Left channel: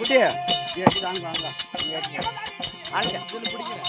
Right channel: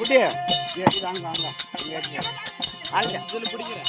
குட்டியா அங்க அங்க அங்க பிடிக்கிறேன்.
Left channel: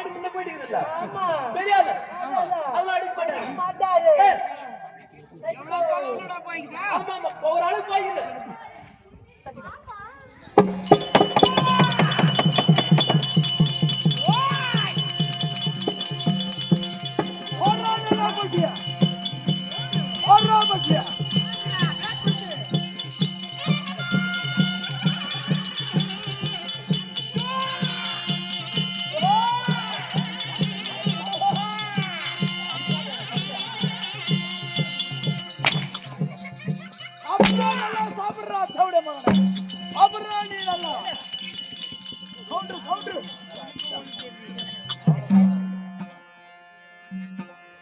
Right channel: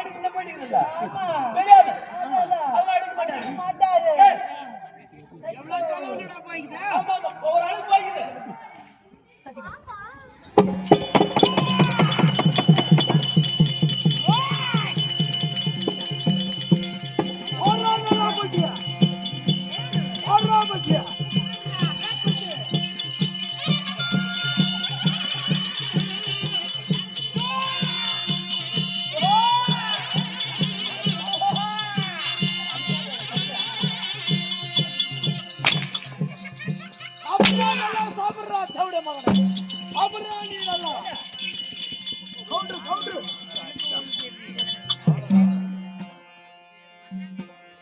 ஆல்ரெடி முன்ன போயிட்டீங்கல்ல தெரியாது அதெல்லாம் அடிக்க மாட்டாரு எவ்வளவு தலைவலடா போயிக்குது ஆமா ஆமா ஒரு ஆளுக்கு போயிக்குது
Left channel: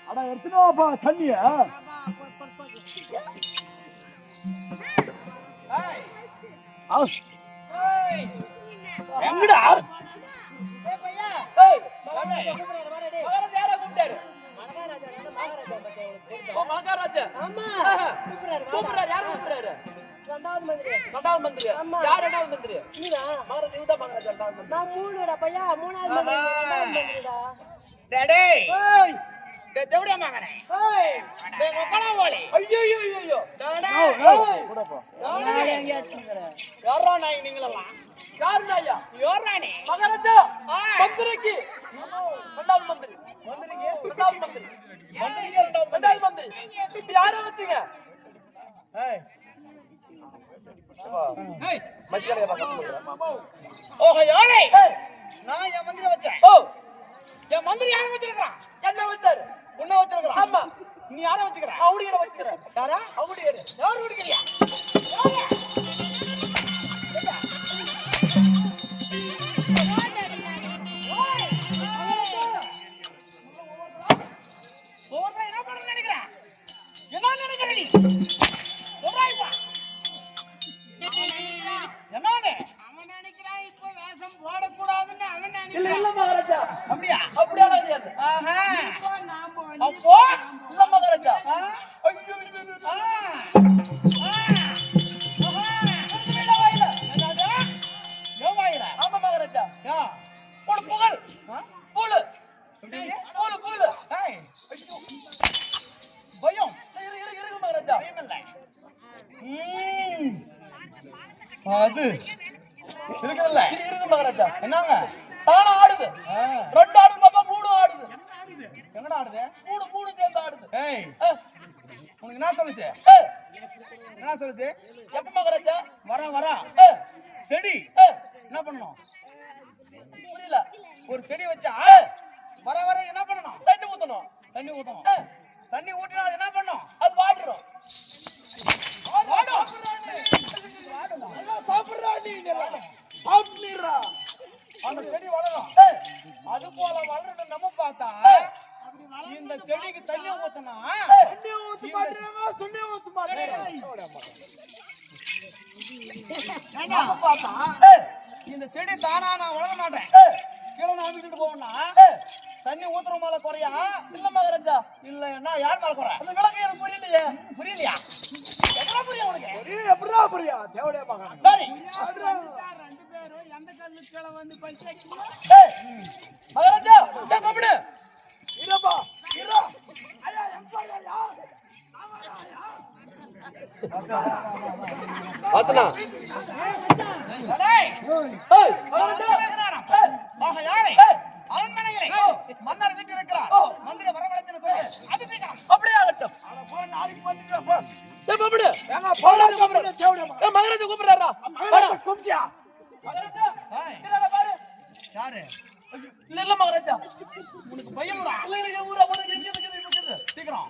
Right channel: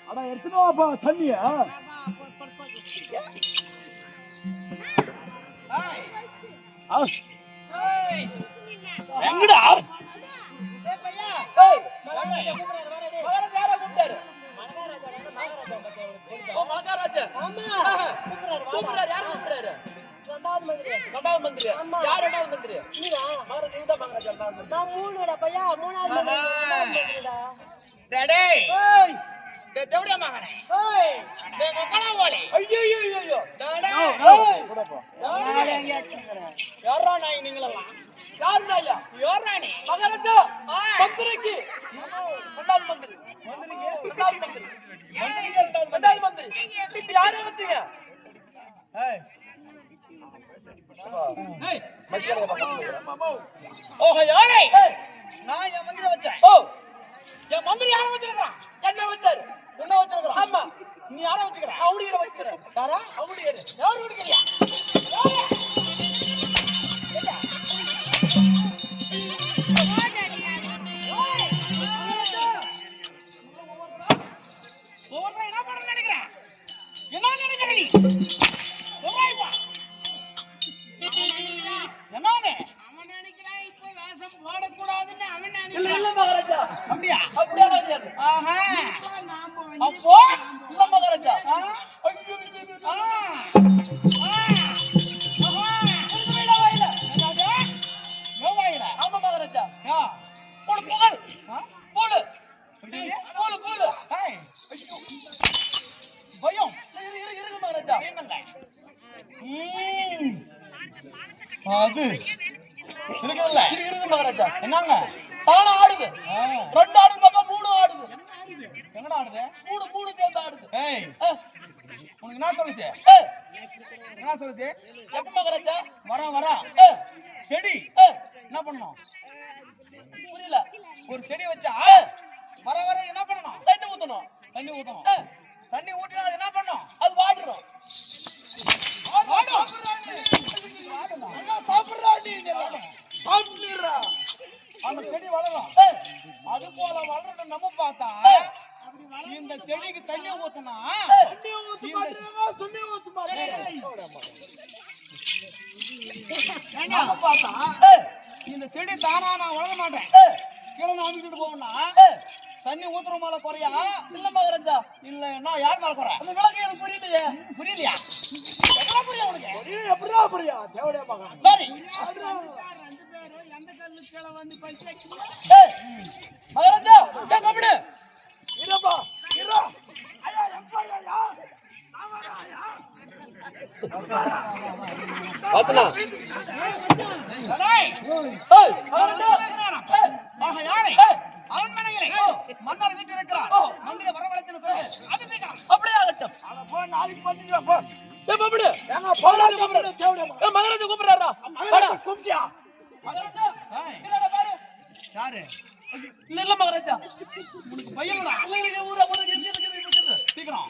அடா எடுத்துனோப்பா தண்ணிய எங்கடா மகாராஜா கூப்பிடுறாரு யாரு கூப்பிடுறாரு ரெண்டாவது மந்திரி யார் ரெண்டாவது மந்திரி மகாராஜா இவதான் மகாராஜா ரெண்டாவது மந்திரி நான் மூணுடா பையா மூணாவது மந்திரிடா டேடே ஏய் தேவடியா மகனே ஏய் நீங்க கொலவாளி ஐயோ ஐயோ ஐயோ டேடே கூடப்பா யாரா நாய் நீங்களெல்லாம் யார் நாயா யோரானே மகாராஜா மந்திரிக்கு ரெண்டாவது மந்திரி மந்திரிக்கு ரெண்டாவது மந்திரி மந்திரிக்கு ரெண்டாவது மந்திரி இப்ப யாரை வச்சீங்க ஏய் ஏய் மச்சியாரே பாக்க ஓஹோ யாரே நான் என் மந்திரி வச்சேன் ஓ என் மந்திரி யாரை வச்சிருக்கான் என்ன வச்சாரு உன்ன வச்சிருக்கான் ஆமா நீ யாரை வச்சிருக்க அவடியரை வச்சிருக்க யாரா அவடியரை யார் வச்சிருக்கியா ஓவரா என்ன பண்ண நினைக்கிறா என்ன நினைக்கிற நீ ஓராய்வா என்னனே அவன் நினைக்கிறான் இப்போ வேஷம் போடக்கூடாதுன்னு அவன் நினைக்கிறான் இல்ல மகாராஜா அப்படியா அப்படியே நினைக்கிறான் ஆஹா அப்போ இல்ல மகாராஜா ஐயோ ஆமா மகாராஜா போடு புகழ் போடு போடு போடு பயம் இருக்கு மகாராஜா பயம் இல்லை அது இருக்குதுல்ல இருக்கு மகாராஜா என்னங்க தான ஆடுது ரெண்டு ஆடுது பாப்பா மூணு ஆடுது எங்கடா ஆடுது மூணு மூணு சேர்ந்து ஆடுது ஏய் உனக்கு என்ன சொல்லுச்சு என்ன சொல்லுச்சு எப்ப மகாராஜா வரா செடி என்ன பண்ணணும் புரியல ஒரு செடி வச்சா வர என்ன பண்ணணும் தண்ணி ஊத்தணும் தண்ணி ஊத்தினா அது என்ன பண்ணும் அது வாடிரும் அந்த செடி வளரும் அது போல வளரணும் நம்ம பார்த்தா இந்த செடிக்கு தண்ணி ஊத்தனா பார்த்தா இந்த செடி தானா நான் வளர மாட்டேன் கீழே நம்பிக்கிட்டு போகணும்னா தண்ணி ஊத்துற மேல குறையா இல்ல மகாராஜா இல்லன்னா யார் மேல குறை அந்த விளக்கு எனக்கு புரியலையா எவ்வளவு புரியும் உனக்கு எப்படியா புரியா தேவடியா மகன் சரி ரெண்டு பேரும் எந்த கல்லு கீழே வந்து பஞ்சு மகாராஜா பாப்படு இருப்பா இரு ஐயா எம்பரையா வாசனா டேய் ஏய் மகாராஜா ஆஹா யாரே அரண்மனையிலே மன்னர் வீட்டில் இருக்கிறார் மந்திரி வரவழைச்சுன்னு சொல்லு அபிஷேகம் அப்படியே ஆகட்டும் போ நாளைக்கு பண்ணிடுவா போ ஏய் பாப்படு ஏங்க போடாத கூப்பிடு தேவடியா ஏய் மகாராஜா கூப்பிடுறாரா மகாராஜா கூப்பிட்டியா மகாராஜா இங்கடா பாரு யாரு இல்ல மகாராஜா உனக்கு பையன்டா இல்ல ஊரா உனக்கு எங்க இருக்குது சீக்கிரம்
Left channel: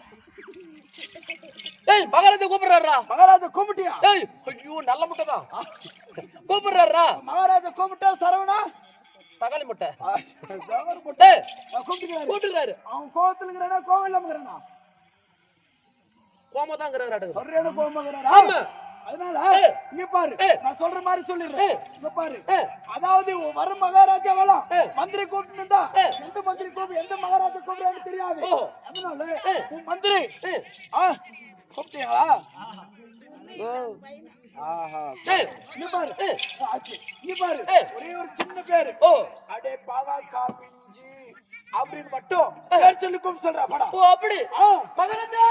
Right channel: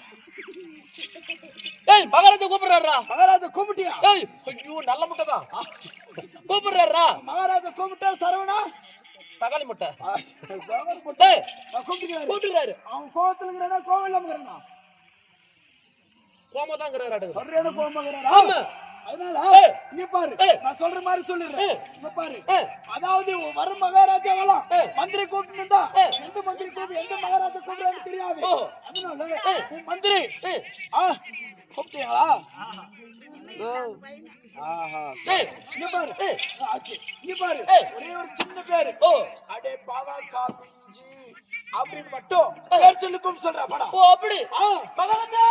ஏய் மகாராஜா கூப்பிடுறாரா மகாராஜா கூப்பிட்டியா ஏய் ஐயோ நல்ல முட்டைதான் கூப்பிடுறாரா மகாராஜா கூப்பிட்டா சரவணா தக்காளி முட்டை கூப்பிட்டுறாரு அவன் கோவத்துல இருக்கிறானா கோவம் இல்லாம இருக்கிறானா கோமா தான் இருக்கிறாரு சரியான கோமா இருக்கிறாரா ஆமா அதனால இங்க பாரு நான் சொல்ற மாதிரி சொல்லிடுறேன் இங்க பாரு அதாவது வர மகாராஜா வரலாம் மந்திரி கூப்பிட்டுண்டா எந்த மந்திரி கூப்பிட்டு எந்த மகாராஜா கூப்பிடுறான்னு தெரியாது அதனால உன் மந்திரி கூப்பிட்டீங்களா ஆஹா இங்க பாரு இங்க பாரு ஒரே ஒரு சின்ன பேரு அடே பாவா காபிஞ்சி அப்படின்னு மட்டும் பேர் சொல்லி கூப்பிட்டு சொல்றா படம். ஓ அப்படி மகாராஜா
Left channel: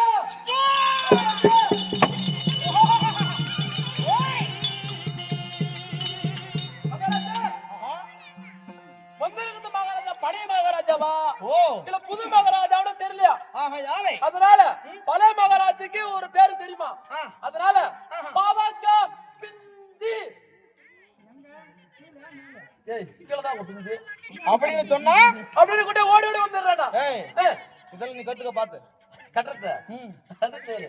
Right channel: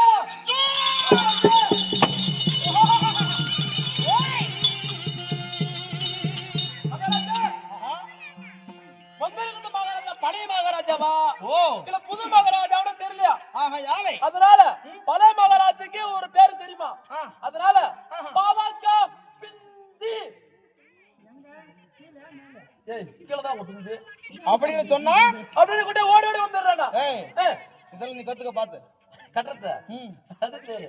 வந்திருக்கிற மகாராஜா பழைய மகாராஜாவா இல்ல புது மகாராஜாவும் தெரியலையா? அதனால பழைய மகாராஜுக்கு ஒரு பேரு தெரியுமா? அதனால பாவாக்கா பிஞ்சி அப்படின்னு சொன்னா அப்படின்னு கூட ஓடி ஓடி வந்துடுறானா? இதெல்லாம் நீ கத்துக்க பாத்து கட்டுறத அது சரி.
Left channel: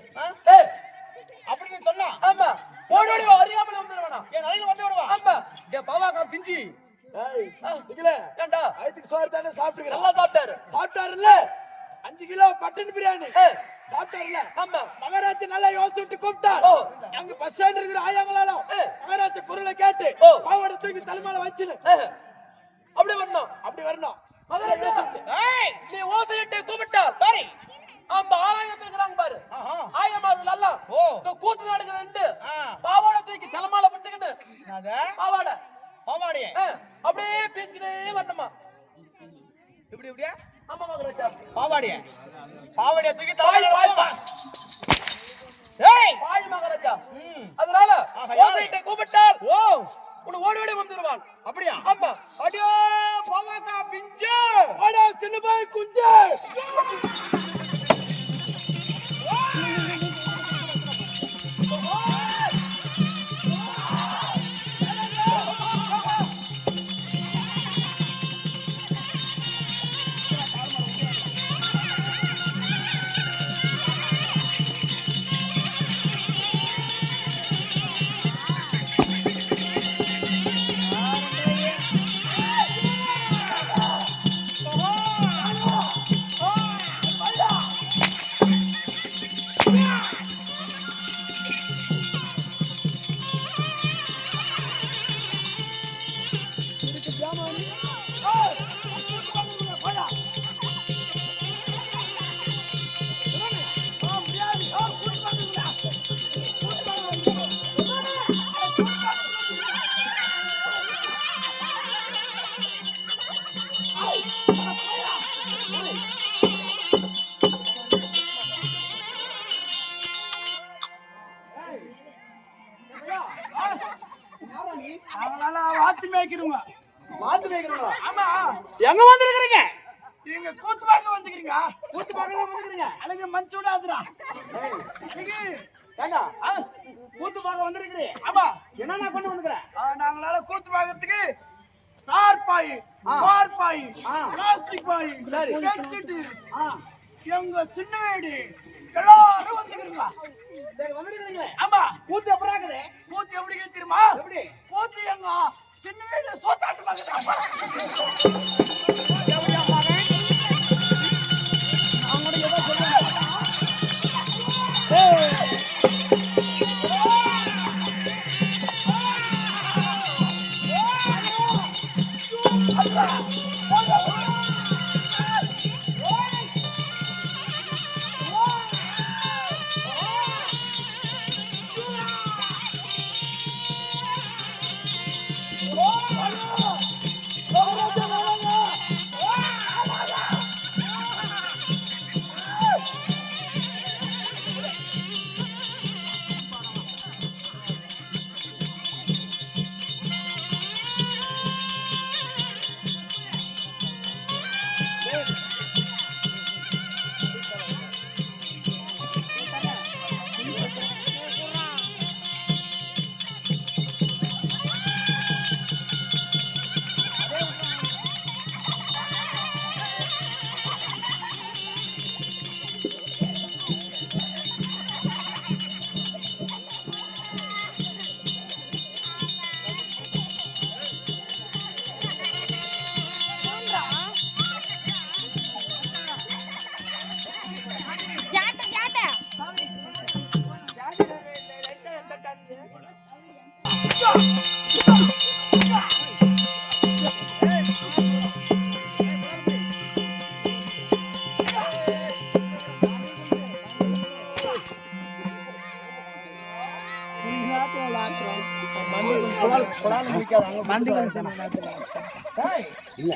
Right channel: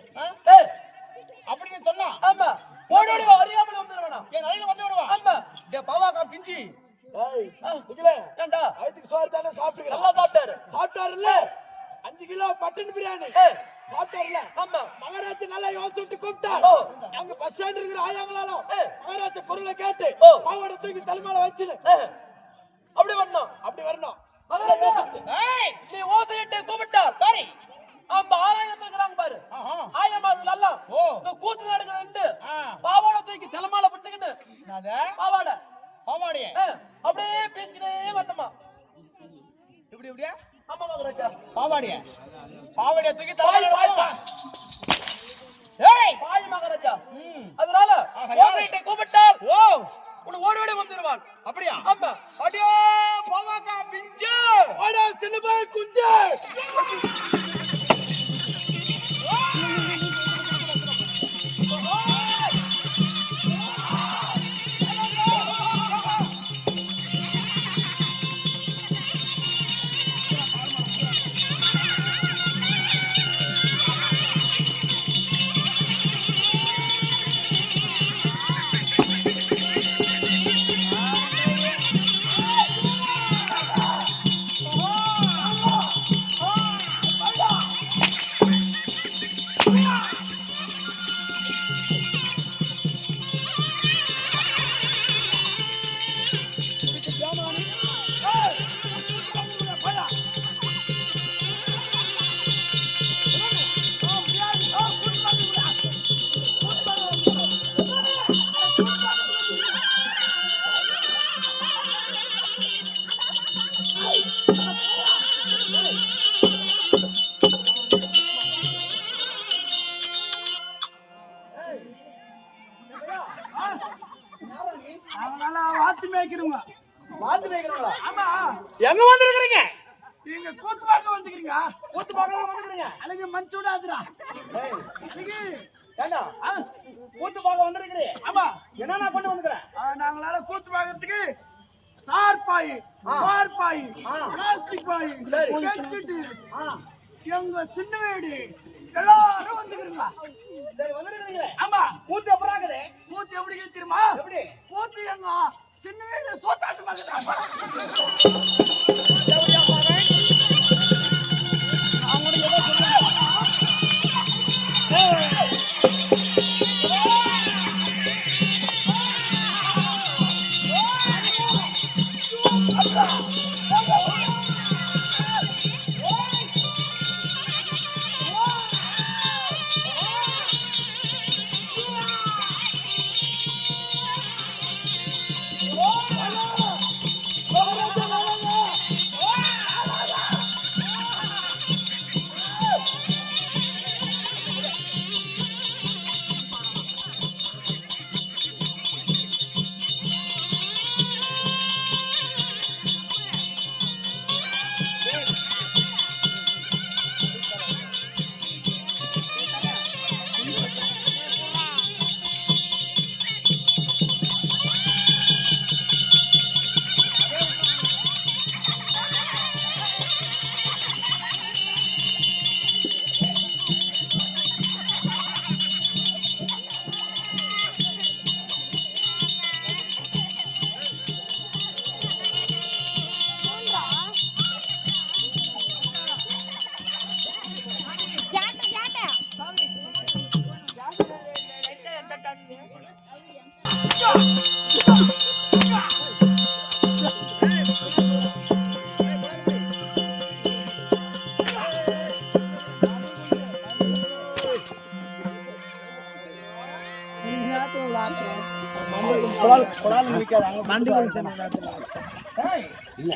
அப்படின்னு சொன்னா ஆமா ஓடி ஓடி அறியாமலே வந்துடுவானா? ஏன் அதையும் வந்து விடுவா? ஆமா பாவாக்கா பிஞ்சி ஏண்டா வயிற்றுக்கு சோறு தானே சாப்பிட்டு நல்லா சாப்பிட்டாரு. சாப்பிட்டாருல்ல 5 கிலோ மட்டன் பிரியாணி சாப்பிட்டாருல்ல. ஆமா மகாராஜா நல்லா யோசிச்சுட்டு கூப்பிட்டார். அங்க பஸ் ஸ்டாண்ட் இருக்கிற ஆயாங்களாலும் மகாராஜா குரலை கேட்டு பாவாடை தூக்கி தலைமையில வச்சு அப்படி வரணும். அப்படி வரணும். மகாராஜா நீ ஓசையிட்டு கூப்பிட்டார். சரி ஆமா ஆலயத்துல இருக்கிறாங்க பாரு. ஆயமார்கள் எல்லாம் இந்த கூத்து நடக்குதுன்னு பாவாடை தூக்கி தலைமையில பிடிச்சுக்கிட்டு பாவாடை பாவாடைய அப்படியே பேசிக்கிட்டே வரணுமா? இப்படி இப்படியா? ஆமா மகாராஜா பாவாடைய தூக்கி பாய் மகாராஜா. அதனால ஓசையிட்டு கூப்பிட்டால் உன்னை ஓடி ஓடி வந்துருவான். அப்படியா? ஆமா அடியோ பாவாக்கா பிஞ்சு ஓடா சின்னபாய் குஞ்சு. எங்க வந்திருக்கீங்க? நீங்க கூத்து பார்க்க வந்துக்கிறீங்க. கூத்து பார்க்க வந்துக்கிறீங்க. அழகு மஞ்சு விடாதுடா. ஏண்டா கூத்து பார்க்க வந்திருக்கிறீ? ஆமா என்னன்னா கொண்டு வந்துக்கிறேன்? நாங்களால கூத்து பார்க்கறதுக்கு தார் பாய், பார் பாய், பிளாஸ்டிக் பாய், பெட்ஷீட், எங்க சின்ன வீடு எல்லாரும் வந்துக்கிறீங்க. சரி வந்திருக்கீங்களே. ஆமா கூத்து எப்பரா இருக்குது? கூத்து எப்படி தெரியுமா? எப்படி? கூத்து எங்க சின்ன வீடு சோத்தாட்டு பார்க்கறாங்க. இல்ல